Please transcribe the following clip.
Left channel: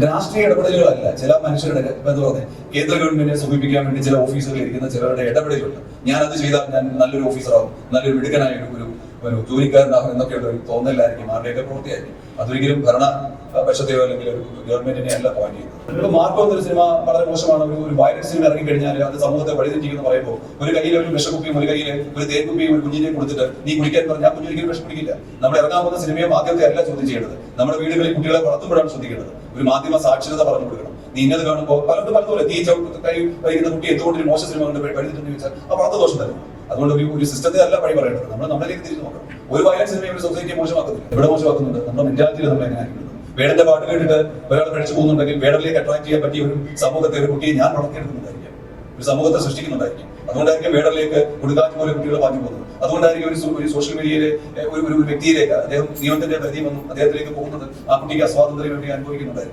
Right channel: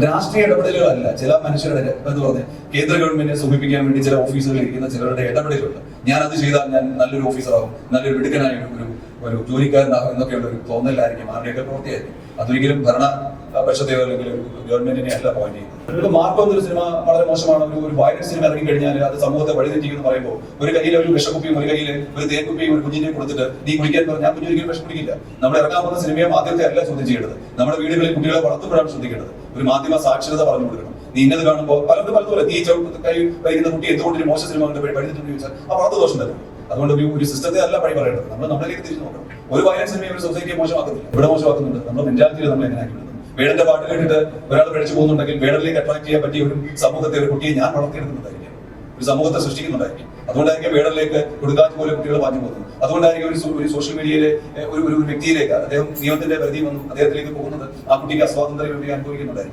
രാഷ്ട്രീയ ഇടപെടലുകളല്ല. ചില മനുഷ്യരുടെ എന്ന് കേന്ദ്ര ഗവൺമെന്റിനെ സൂചിപ്പിക്കാൻ വേണ്ടി ചില ഓഫീസുകളിൽ ഇരിക്കുന്ന ചിലരുടെ ഇടപെടലുണ്ട്. ഞാൻ അത് ചെയ്താൽ ഞാൻ നല്ലൊരു ഓഫീസറാകും നല്ലൊരു മിടുക്കനായ ഒരു ഒരു ജോലിക്കാരനാകും എന്നൊക്കെയുള്ള ഒരു തോന്നലായിരിക്കും. ആരുടെയൊക്കെ പ്രവൃത്തിയായിരിക്കും. അതൊരിക്കലും ഭരണ പക്ഷത്തെയോ അല്ലെങ്കിൽ ഗവൺമെന്റിനെ അല്ല പോയിന്റ് ചെയ്യുന്നത്. ഇപ്പോൾ മാർക്കോ എന്നൊരു സിനിമ വളരെ മോശമാണ്. ഒരു വയലൻസ് സിനിമ ഇറങ്ങി കഴിഞ്ഞാൽ അത് സമൂഹത്തെ വഴിതെറ്റിക്കുന്നു പറയുമ്പോൾ ഒരു കയ്യിൽ ഒരു വിഷക്കുപ്പിയും ഒരു കയ്യിൽ ഒരു തേക്കുപ്പിയും ഒരു കുഞ്ഞിനെ കൊടുത്തിട്ട് നീ കുടിക്കാൻ പറഞ്ഞാൽ ഞാൻ കുഞ്ഞിരിക്കലും വിഷം കുടിക്കില്ല നമ്മൾ ഇറങ്ങാൻ പോകുന്ന സിനിമയെ മാധ്യമത്തെ അല്ല ചോദ്യം ചെയ്യേണ്ടത്. നമ്മുടെ വീടുകളിൽ കുട്ടികളെ വളർത്തുമ്പോഴാണ് ശ്രദ്ധിക്കേണ്ടത്. ഒരു മാധ്യമ സാക്ഷരത പറഞ്ഞു കൊടുക്കണം. നീ ഇന്നത് കാണുമ്പോൾ പലതും പലതും നീ ചവിട്ട കൈ വൈകുന്ന കുട്ടി എന്തുകൊണ്ട് മോശം സിനിമ കണ്ട് പഠിച്ചിട്ടുണ്ട് ചോദിച്ചാൽ ആ വളർത്തു ദോഷം തന്നെ. അതുകൊണ്ട് ഒരു സിസ്റ്റത്തെ അല്ല പഴി പറയേണ്ടത്. നമ്മൾ നമ്മളിലേക്ക് തിരിച്ചു നോക്കണം. ഒരു വയലൻസ് സിനിമ ഒരു സൊസൈറ്റിയെ മോശമാക്കുന്നില്ല. എവിടെ മോശമാക്കുന്നുണ്ട്? നമ്മുടെ മെന്റാലിറ്റിയിൽ നമ്മൾ എങ്ങനെ വേടന്റെ പാട്ട് കേട്ടിട്ട് ഒരാൾ പഠിച്ചു പോകുന്നുണ്ടെങ്കിൽ വേടനിലേക്ക് അട്രാക്ട് ചെയ്യാൻ പറ്റിയ ഒരു സമൂഹത്തെ ഒരു കുട്ടിയെ ഞാൻ വളർത്തിയെടുക്കുന്നുണ്ടായിരിക്കും ഒരു സമൂഹത്തെ സൃഷ്ടിക്കുന്നുണ്ടായിരിക്കും അതുകൊണ്ടായിരിക്കും വേടനിലേക്ക് കൊടുക്കാത്ത പോലെ കുട്ടികൾ മാറ്റി പോകുന്നത്. അതുകൊണ്ടായിരിക്കും ഒരു സോഷ്യൽ മീഡിയയിലെ ഒരു ഒരു വ്യക്തിയിലേക്ക് അദ്ദേഹം നിയമത്തിന്റെ പരിധി വന്നു അദ്ദേഹത്തിലേക്ക് പോകുന്നത് ആ കുട്ടിക്ക് അസ്വാതന്ത്ര്യം വേണ്ടി അനുഭവിക്കുന്നുണ്ടായിരിക്കും